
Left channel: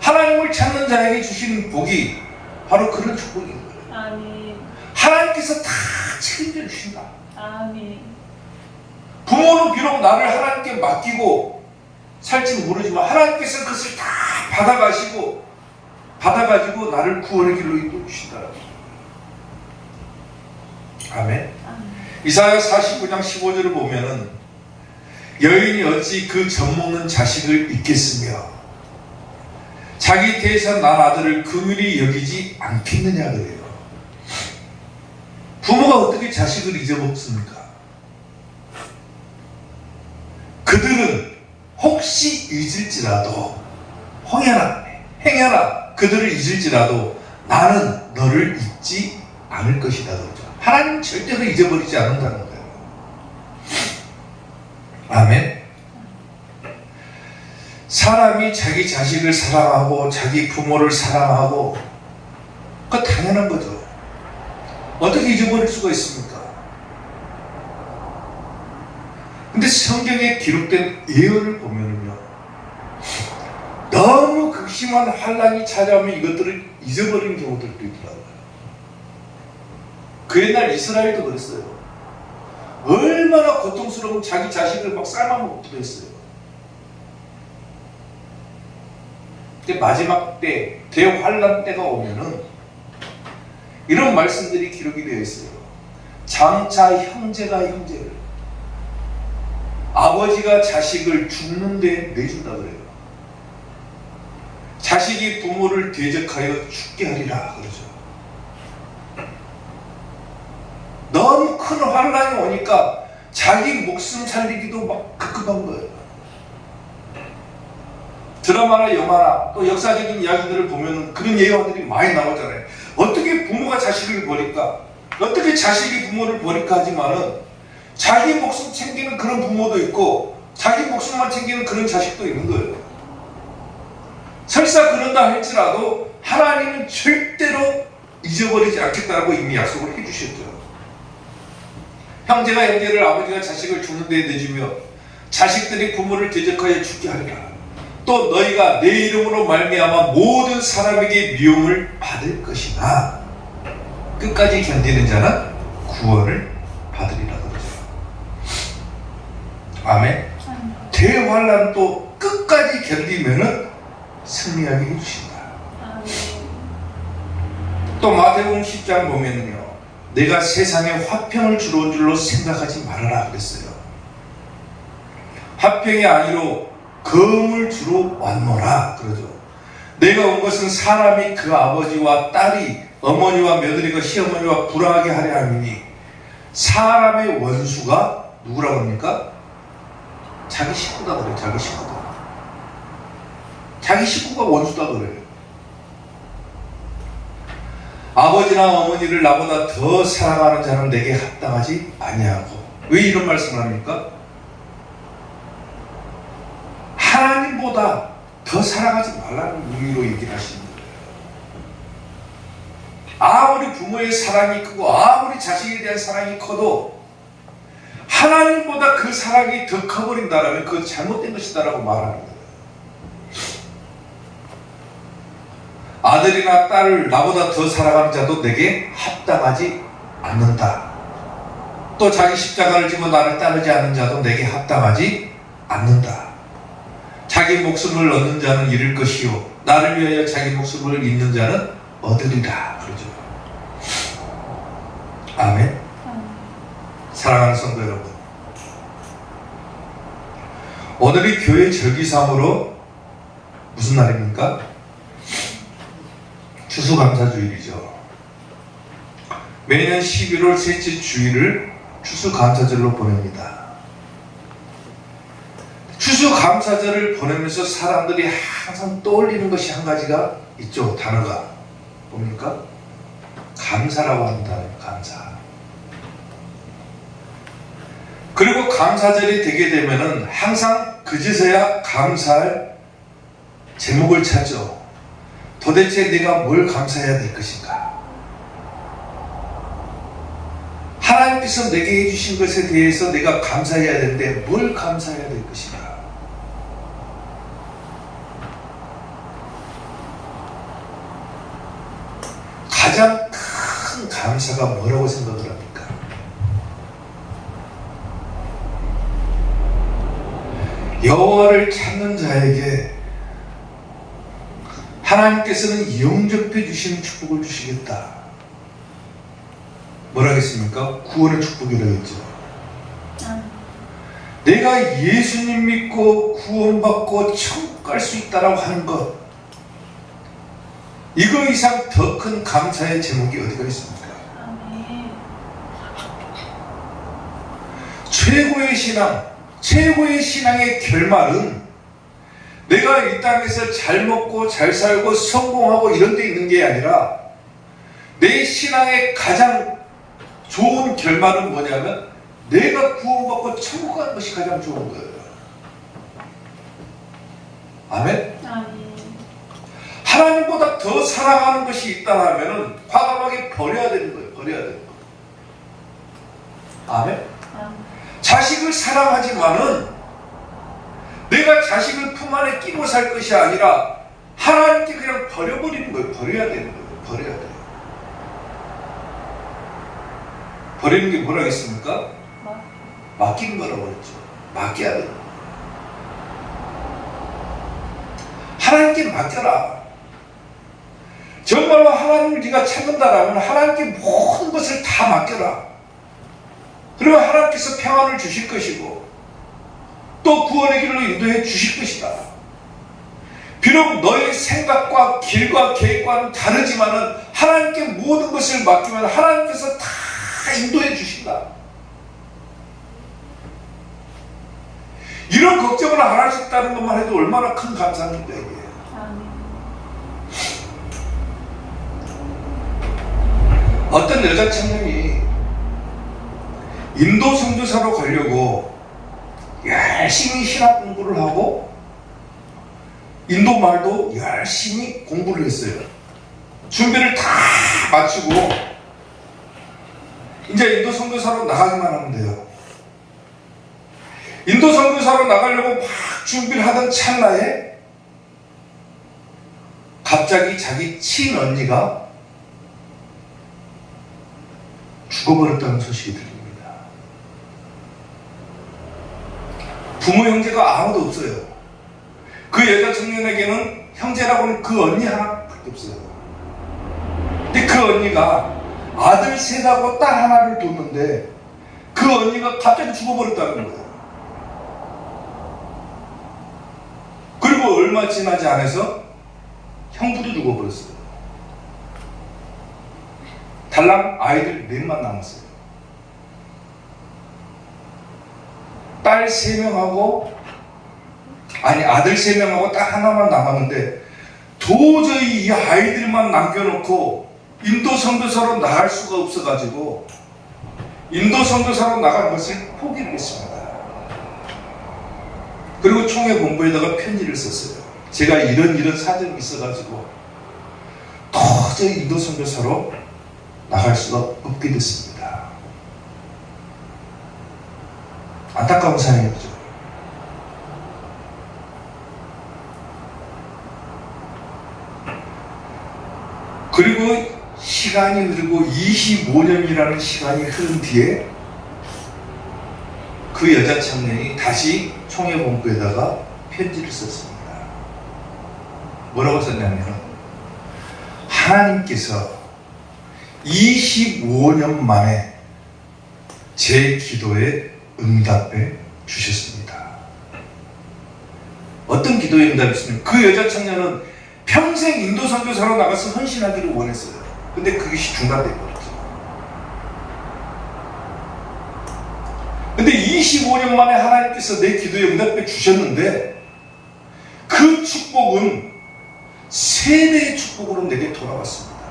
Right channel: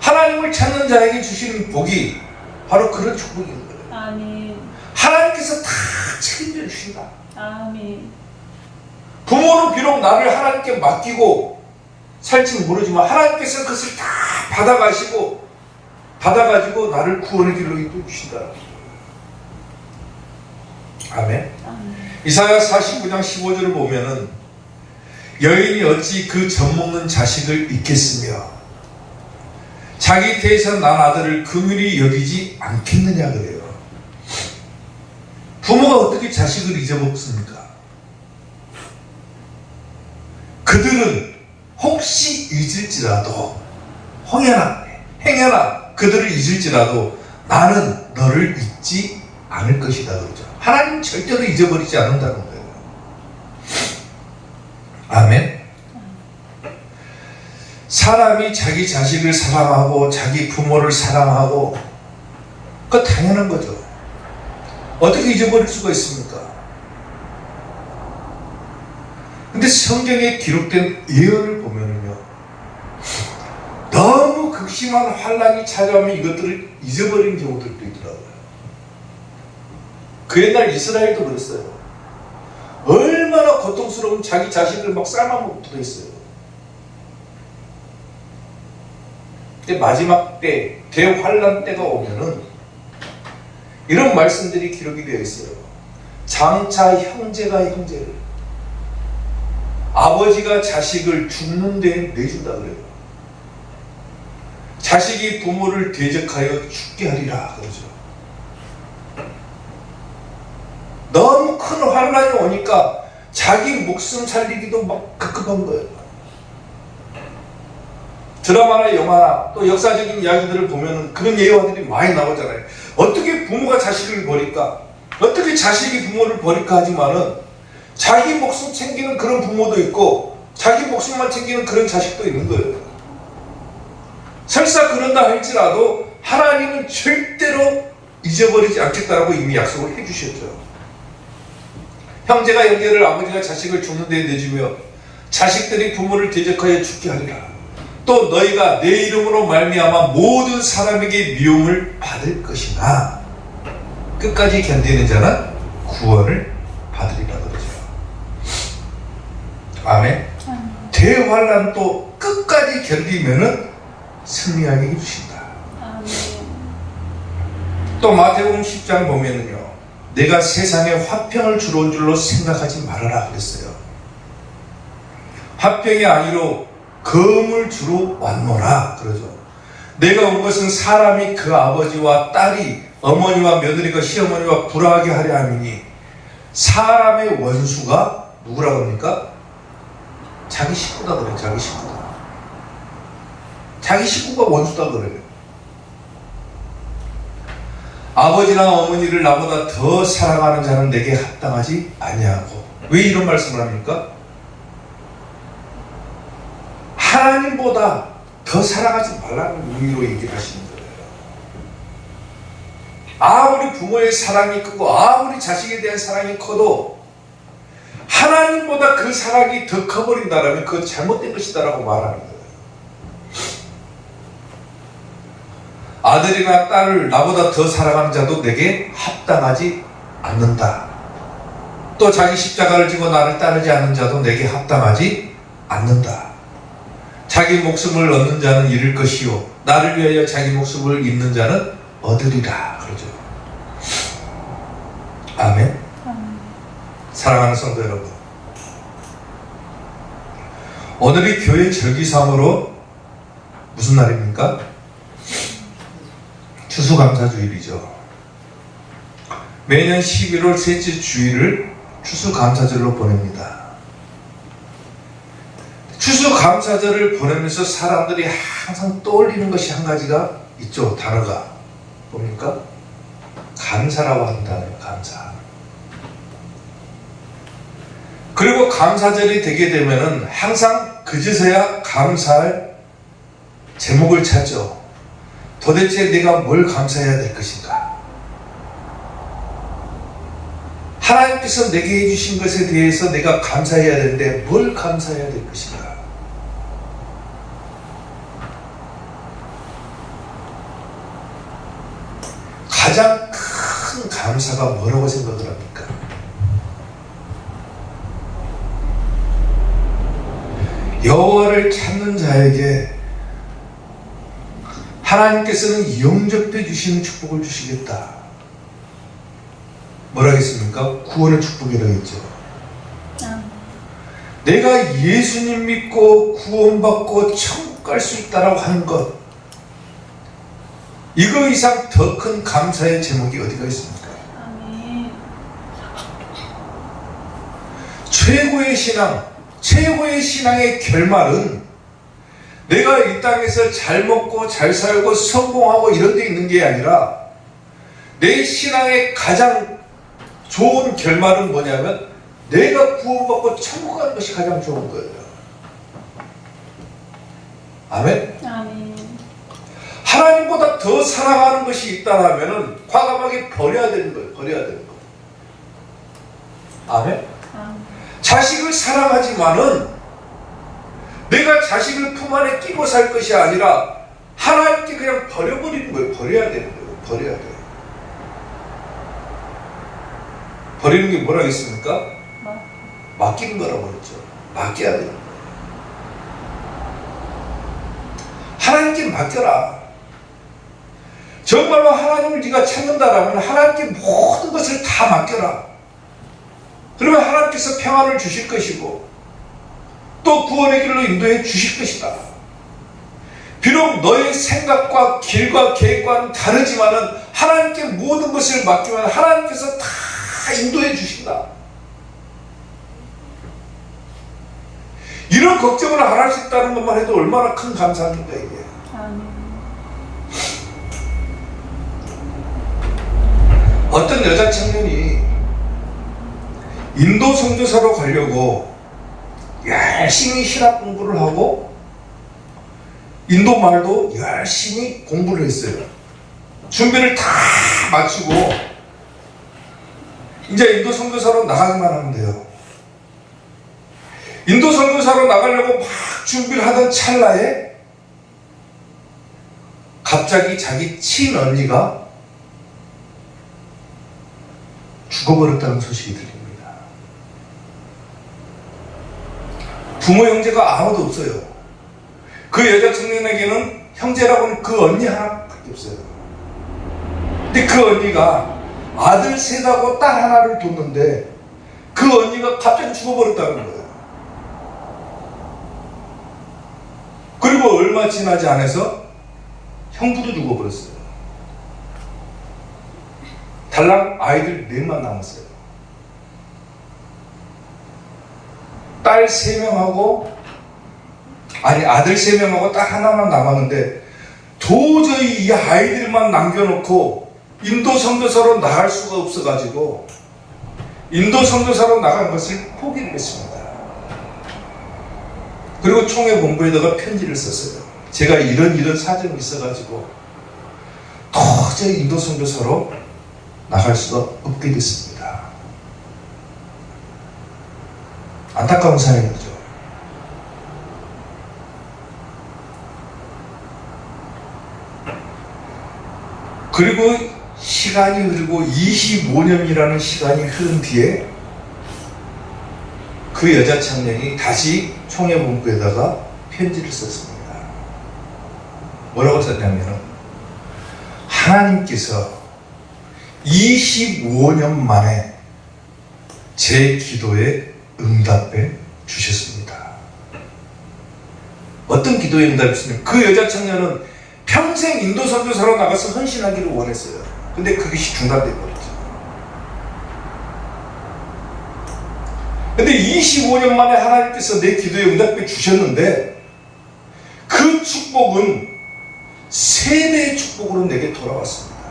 하나님을 찾는 자에게 주시는 복이 바로 그런 축복인 거예요. 아멘. 하나님께서 다 책임져 주신다. 아멘. 부모는 비록 나를 하나님께 맡기고 살지 모르지만 하나님께서 그것을 다 받아가지고 나를 구원의 길로 이끌어 주신다. 아멘. 아멘. 이사야 49장 15절을 보면은 여인이 어찌 그 젖먹는 자식을 잊겠으며 자기 태에서 난 아들을 긍휼히 여기지 않겠느냐 그래요. 부모가 어떻게 자식을 잊어먹습니까? 그들은 혹시 잊을지라도 행여나 그들을 잊을지라도 나는 너를 잊지 않을 것이다 그러죠. 하나님 절대로 잊어버리지 않는다는 거예요. 아멘. 사람이 자기 자식을 사랑하고 자기 부모를 사랑하고 그거 당연한 거죠. 어떻게 잊어버릴 수가 있습니까? 근데 성경에 기록된 예언을 보면은요, 너무 극심한 환란이 찾아오면 이것들을 잊어버리는 경우들도 있더라고요. 그 옛날 이스라엘도 그랬어요. 얼마나 고통스러운 자기 자식을 막 삶아먹고 들어있어요. 근데 마지막 때, 대환란 때가 오면은 이런 말씀들이 기록이 되어 있어요. 장차 형제가 형제를, 아버지가 자식을 죽는 데 내준다 그래요. 자식이 부모를 대적하여 죽게 하리라 그러죠. 너무 큰 환란이 오니까 자기 목숨 살리기도 막 급급한 거예요. 드라마나 영화나 또 역사적인 이야기들을 보면 그런 예화들이 많이 나오잖아요. 어떻게 부모가 자식을 버릴까? 어떻게 자식이 부모를 버릴까 하지만은 자기 목숨 챙기는 그런 부모도 있고 자기 목숨만 챙기는 그런 자식도 있는 거예요. 설사 그런다 할지라도 하나님은 절대로 잊어버리지 않겠다라고 이미 약속을 해주셨죠. 형제가 형제를, 아버지가 자식을 죽는 데 내주며 자식들이 부모를 대적하여 죽게 하리라. 또 너희가 내 이름으로 말미암아 모든 사람에게 미움을 받을 것이나 끝까지 견디는 자는 구원을 받으리라 그러죠. 아멘. 대환란 또 끝까지 견디면은 승리하게 해주신다. 또 마태복음 10장 보면요, 내가 세상에 화평을 주러 온 줄로 생각하지 말아라 그랬어요. 화평이 아니로 검을 주러 왔노라 그러죠. 내가 온 것은 사람이 그 아버지와 딸이 어머니와 며느리가 시어머니와 불화하게 하려 함이니 사람의 원수가 누구라고 합니까? 자기 식구다 그래요. 자기 식구다. 자기 식구가 원수다 그래요. 아버지나 어머니를 나보다 더 사랑하는 자는 내게 합당하지 아니하고. 왜 이런 말씀을 합니까? 하나님보다 하나님보다 더 사랑하지 말라는 의미로 얘기를 하시는 거예요. 아무리 부모의 사랑이 크고 아무리 자식에 대한 사랑이 커도 하나님보다 그 사랑이 더 커버린다면 그건 잘못된 것이다라고 말하는 거예요. 아들이나 딸을 나보다 더 사랑하는 자도 내게 합당하지 않는다. 또 자기 십자가를 지고 나를 따르지 않는 자도 내게 합당하지 않는다. 자기 목숨을 얻는 자는 잃을 것이요 나를 위하여 자기 목숨을 잃는 자는 얻으리라. 그러죠. 아멘. 사랑하는 성도 여러분, 오늘이 교회 절기상으로 무슨 날입니까? 추수감사주일이죠. 매년 11월 셋째 주일을 추수감사절로 보냅니다. 추수감사절을 보내면서 사람들이 항상 떠올리는 것이 한 가지가 있죠. 단어가 뭡니까? 감사라고 한다는 감사. 그리고 감사절이 되게 되면은 항상 그제서야 감사할 제목을 찾죠. 도대체 내가 뭘 감사해야 될 것인가? 하나님께서 내게 해주신 것에 대해서 내가 감사해야 되는데 뭘 감사해야 될 것인가? 가장 큰 감사가 뭐라고 생각을 합니까? 여호와를 찾는 자에게 하나님께서는 영접해 주시는 축복을 주시겠다. 뭐라 했습니까? 구원의 축복이라고 했죠. 내가 예수님 믿고 구원받고 천국 갈 수 있다라고 하는 것, 이거 이상 더 큰 감사의 제목이 어디가 있습니까? 최고의 신앙, 최고의 신앙의 결말은 내가 이 땅에서 잘 먹고 잘 살고 성공하고 이런 데 있는 게 아니라 내 신앙의 가장 좋은 결말은 뭐냐면 내가 구원받고 천국 가는 것이 가장 좋은 거예요. 아멘? 아멘. 하나님보다 더 사랑하는 것이 있다면 과감하게 버려야 되는 거예요. 버려야 되는 거예요. 아멘? 아멘. 자식을 사랑하지만은 내가 자식을 품 안에 끼고 살 것이 아니라 하나님께 그냥 버려버리는 거예요. 버려야 되는 거예요. 버려야 돼요. 버리는 게 뭐라 했습니까? 맡기는 거라고 그랬죠. 맡겨야 돼요. 하나님께 맡겨라. 정말로 하나님을 네가 찾는다라면 하나님께 모든 것을 다 맡겨라. 그러면 하나님께서 평안을 주실 것이고 또 구원의 길로 인도해 주실 것이다. 비록 너의 생각과 길과 계획과는 다르지만은 하나님께 모든 것을 맡기면 하나님께서 다 인도해 주신다. 이런 걱정을 안 할 수 있다는 것만 해도 얼마나 큰 감사입니까 이게. 어떤 여자 청년이 인도 선교사로 가려고 열심히 신학 공부를 하고 인도 말도 열심히 공부를 했어요. 준비를 다 마치고 이제 인도 선교사로 나가기만 하면 돼요. 인도 선교사로 나가려고 막 준비를 하던 찰나에 갑자기 자기 친언니가 죽어버렸다는 소식이 들립니다. 부모 형제가 아무도 없어요. 그 여자 청년에게는 형제라고는 그 언니 하나밖에 없어요. 근데 그 언니가 아들 셋하고 딸 하나를 뒀는데 그 언니가 갑자기 죽어버렸다는 거예요. 그리고 얼마 지나지 않아서 형부도 죽어버렸어요. 달랑 아이들 넷만 남았어요. 딸 3명하고 아들 3명하고 딸 하나만 남았는데 도저히 이 아이들만 남겨놓고 인도 선교사로 나갈 수가 없어가지고 인도 선교사로 나간 것을 포기를 했습니다. 그리고 총회 본부에다가 편지를 썼어요. 제가 이런 사정이 있어가지고 도저히 인도 선교사로 나갈 수가 없게 됐습니다. 안타까운 사연이죠. 그리고 시간이 흐르고 25년이라는 시간이 흐른 뒤에 그 여자 청년이 다시 총회 본부에다가 편지를 썼습니다. 뭐라고 썼냐면은, 하나님께서 25년 만에 제 기도에 응답해 주셨습니다. 어떤 기도에 응답했습니까? 그 여자 청년은 평생 인도 선교사로 나가서 헌신하기를 원했어요. 근데 그것이 중단돼 버렸죠. 근데 25년 만에 하나님께서 내 기도에 응답해 주셨는데, 그 축복은 3배의 축복으로 내게 돌아왔습니다.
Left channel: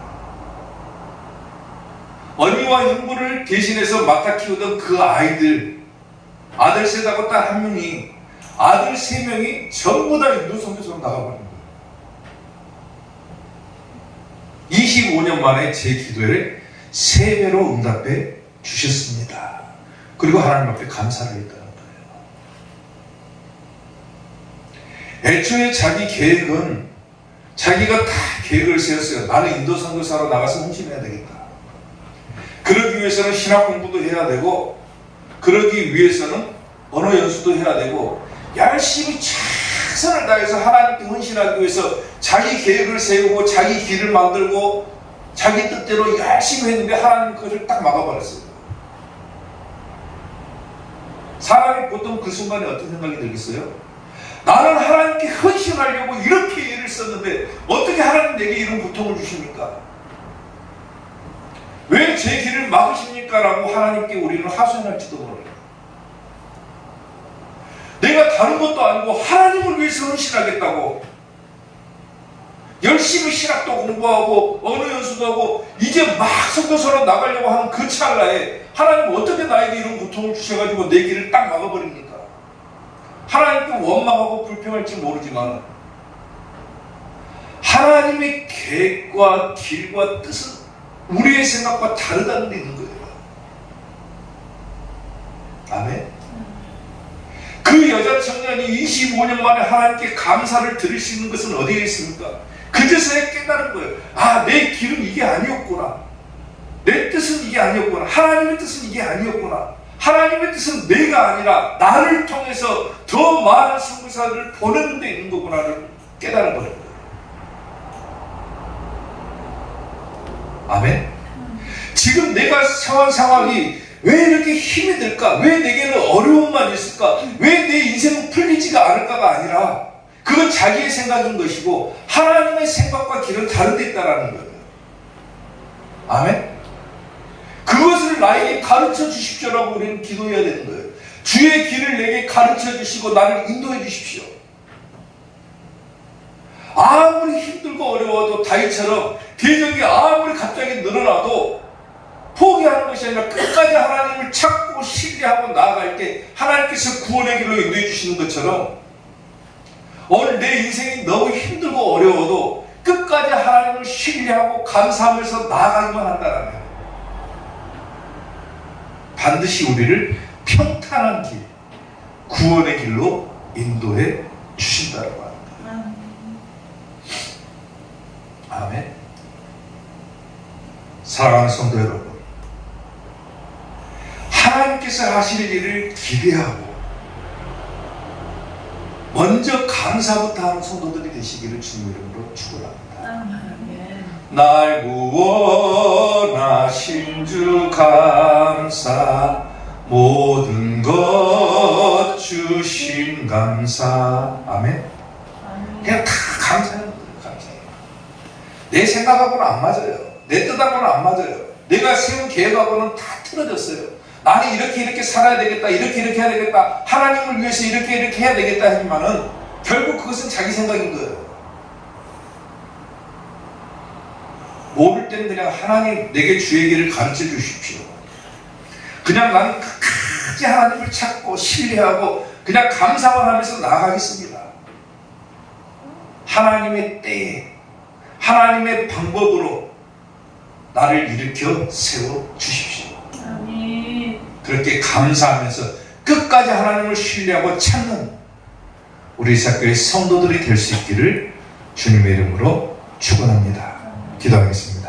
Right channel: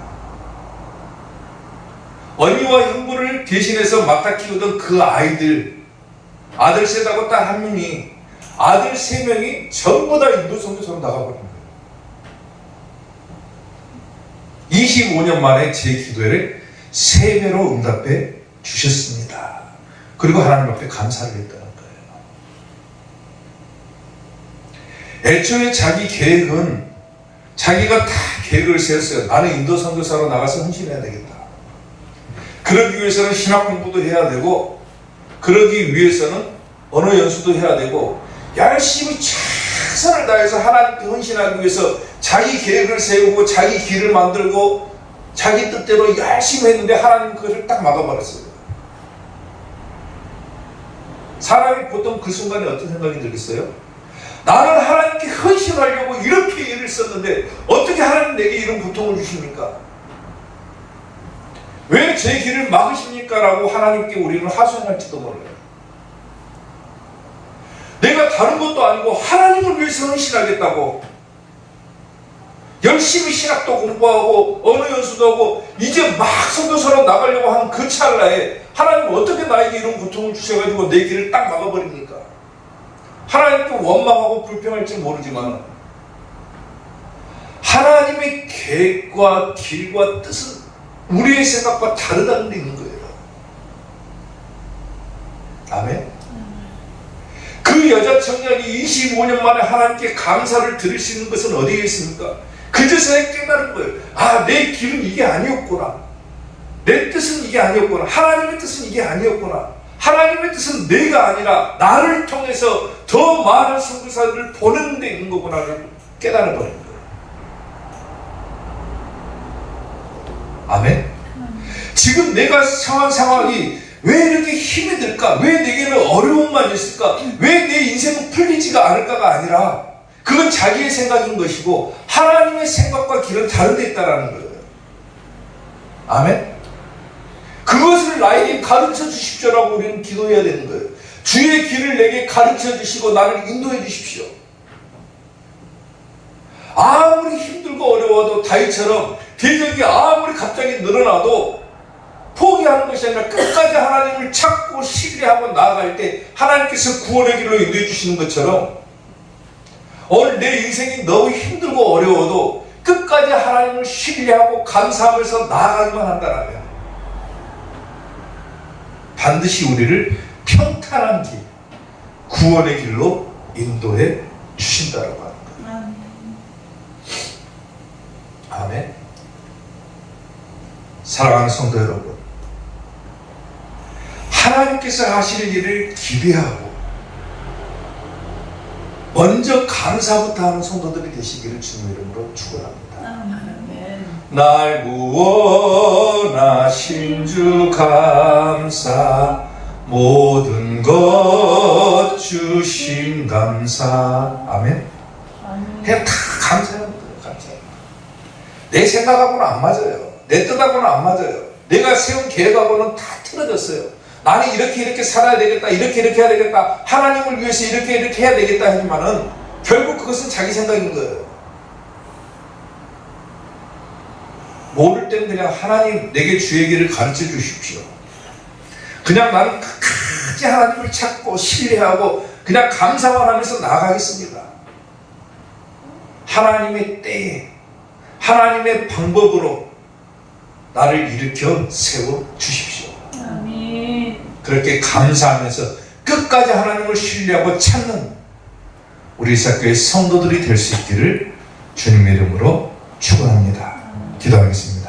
언니와 형부를 대신해서 맡아 키우던 그 아이들, 아들 셋하고 딸 1명이, 아들 3명이 전부 다 인도 선교사로 나가버린 거예요. 25년 만에 제 기도를 3배로 응답해 주셨습니다. 그리고 하나님 앞에 감사를 했다는 거예요. 애초에 자기 계획은, 자기가 다 계획을 세웠어요. 나는 인도 선교사로 나가서 헌신해야 되겠다. 그러기 위해서는 신학 공부도 해야 되고, 그러기 위해서는 언어 연수도 해야 되고, 열심히 최선을 다해서 하나님께 헌신하기 위해서 자기 계획을 세우고 자기 길을 만들고 자기 뜻대로 열심히 했는데, 하나님 그것을 딱 막아버렸어요. 사람이 보통 그 순간에 어떤 생각이 들겠어요? 나는 하나님께 헌신하려고 이렇게 일을 썼는데 어떻게 하나님 내게 이런 고통을 주십니까? 왜 제 길을 막으십니까? 라고 하나님께 우리는 하소연할지도 몰라요. 내가 다른 것도 아니고 하나님을 위해서 헌신하겠다고 열심히 신학도 공부하고 언어 연수도 하고 이제 막 선교사로 나가려고 하는 그 찰나에 하나님 어떻게 나에게 이런 고통을 주셔가지고 내 길을 딱 막아버립니까? 하나님께 원망하고 불평할지 모르지만 하나님의 계획과 길과 뜻은 우리의 생각과 다르다는 데 있는 거예요. 아멘. 그 여자 청년이 25년 만에 하나님께 감사를 드릴 수 있는 것은 어디에 있습니까? 그제서야 깨달은 거예요. 아, 내 길은 이게 아니었구나. 내 뜻은 이게 아니었구나. 하나님의 뜻은 이게 아니었구나. 하나님의 뜻은 내가 아니라 나를 통해서 더 많은 선교사들을 보내는 데 있는 거구나를 깨달은 거예요. 아멘. 지금 내가 처한 상황이 왜 이렇게 힘이 들까? 왜 내게는 어려움만 있을까? 왜 내 인생은 풀리지가 않을까가 아니라 그건 자기의 생각인 것이고 하나님의 생각과 길은 다른 데 있다라는 거예요. 아멘. 그것을 나에게 가르쳐 주십시오라고 우리는 기도해야 되는 거예요. 주의 길을 내게 가르쳐 주시고 나를 인도해 주십시오. 아무리 힘들고 어려워도 다윗처럼 대적이 아무리 갑자기 늘어나도 포기하는 것이 아니라 끝까지 하나님을 찾고 신뢰하고 나아갈 때 하나님께서 구원의 길로 인도해 주시는 것처럼 오늘 내 인생이 너무 힘들고 어려워도 끝까지 하나님을 신뢰하고 감사하면서 나아가기만 한다면 반드시 우리를 평탄한 길, 구원의 길로 인도해 주신다라고 하는 거예요. 아멘. 사랑하는 성도 여러분, 하나님께서 하실 일을 기대하고 먼저 감사부터 하는 성도들이 되시기를 주님 이름으로 축원합니다. 날 구원하신 주 감사, 모든 것 주신 감사. 아멘. 그냥 다 감사하는 거예요. 감사하는 거예요. 내 생각하고는 안 맞아요. 내 뜻하고는 안 맞아요. 내가 세운 계획하고는 다 틀어졌어요. 나는 이렇게 살아야 되겠다, 이렇게 해야 되겠다, 하나님을 위해서 이렇게 해야 되겠다 하지만은 결국 그것은 자기 생각인 거예요. 모를 때는 그냥 하나님 내게 주의 길을 가르쳐 주십시오. 그냥 나는 끝까지 하나님을 찾고 신뢰하고 그냥 감사만 하면서 나아가겠습니다. 하나님의 때에 하나님의 방법으로 나를 일으켜 세워 주십시오. 아멘. 그렇게 감사하면서 끝까지 하나님을 신뢰하고 찾는 우리 사교의 성도들이 될 수 있기를 주님의 이름으로 축원합니다. 기도하겠습니다.